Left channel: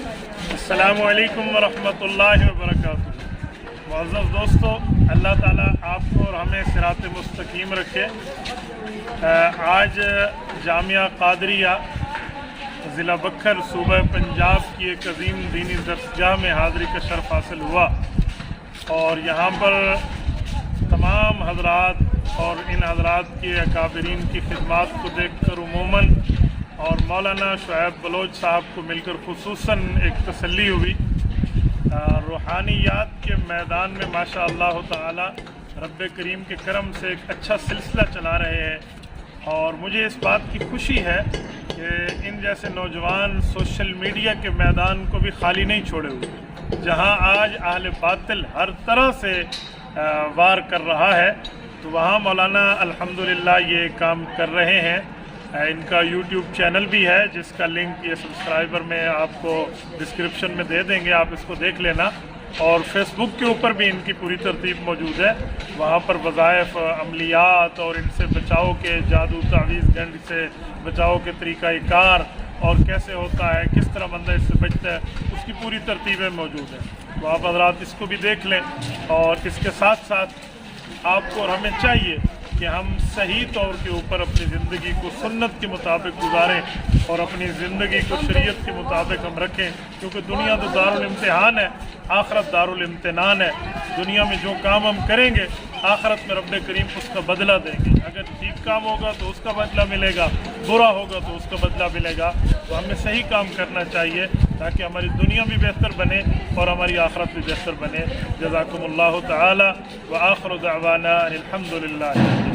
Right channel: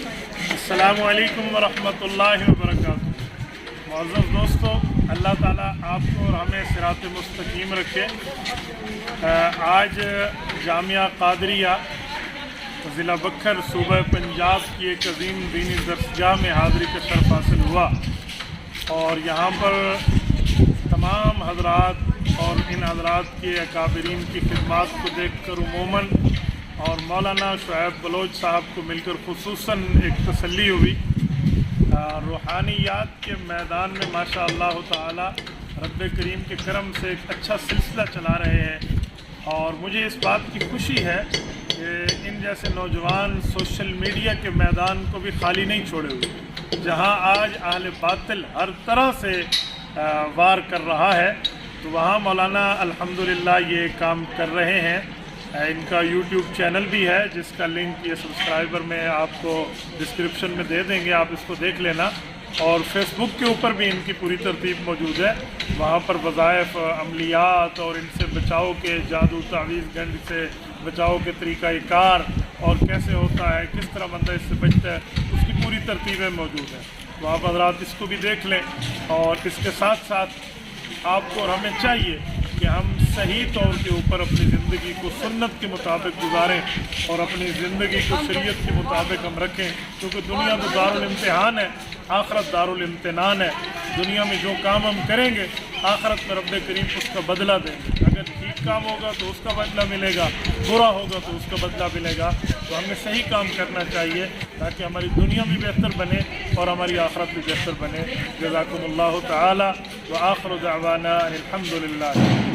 अस्सलामु अलैकुम वरहमतुल्लाहि वबरकातुहू। मुअज़्ज़ज़ दोस्तों, अल्लाह ताला आपको और हमें सिरात मुस्तकीम रखे। आज जामिया कादरिया ज़िला बखर सूबा पंजाब की एक अजीम दीनी दरसगाह में हाज़री का शर्फ हासिल हुआ और यहाँ पर तमाम हज़रात और इन हज़रात के अकाबरीन की खिदमात को देख कर उमूमन और मौलाना शुएब बलोच साहब को मिलकर खुसूसन एक तसल्ली हुई। रूहानियात के मैदान में माशा अल्लाह ताला रब्बे करीम के करम से एक अच्छा सिलसिला चला रहे हैं और मुझे इस बात की खुशी है कि इन जैसे नौजवान सोशल मीडिया के मैदान को भी खाली नहीं छोड़े हुए। जहां आज अहले बातिल हर तरह से वार कर रहा है तो वहाँ मौलाना अल्हम्दुलिल्लाह ये काम कर रहे हैं। इनका YouTube चैनल भी है जिसका लिंक ये सब्सक्राइबर में आपको डिस्क्रिप्शन में दे देंगे, आप इसको देख लेना। और फेसबुक के ऊपर भी इनकी पूरी तरतीब मौजूद है, वहाँ पर वज़ाइफ, अमलियात और इनसे बचाव के जादू तावीज़ गंड से बचाव के तरीक़ाकार और कैसे होता है, किस तरह बंदा इससे बचता है, उसकी पूरी तरतीबें मौजूद हैं। तो आप हज़रात इसको भी देख लें। और इसके साथ साथ आपको और हमें चाहिए कि हम सही तौर के ऊपर अपनी ज़िंदगी को सुन्नत के मुताबिक गुजारें और अपनी ज़िंदगी को शरीयत के मुताबिक हम रखें, क्योंकि दुनिया तो दारुल इम्तिहान है, आखरत दारुल इम्तिनान है। दुनिया में जो काम हम करेंगे आखरत में रब्बे करीम उसका बदला देंगे। अगर ठीक काम होगा तो उसका बदला मिलेगा, बुरा होगा तो उसका बदला मिलेगा। तो हमें सही काम करना चाहिए ताकि हमारी दुनिया भी बेहतर बने और हमारी आखरत भी बेहतर बने। जज़ाकुमुल्लाहु तआला व आखिरु दअवाना अनिल हम्दुलिल्लाह।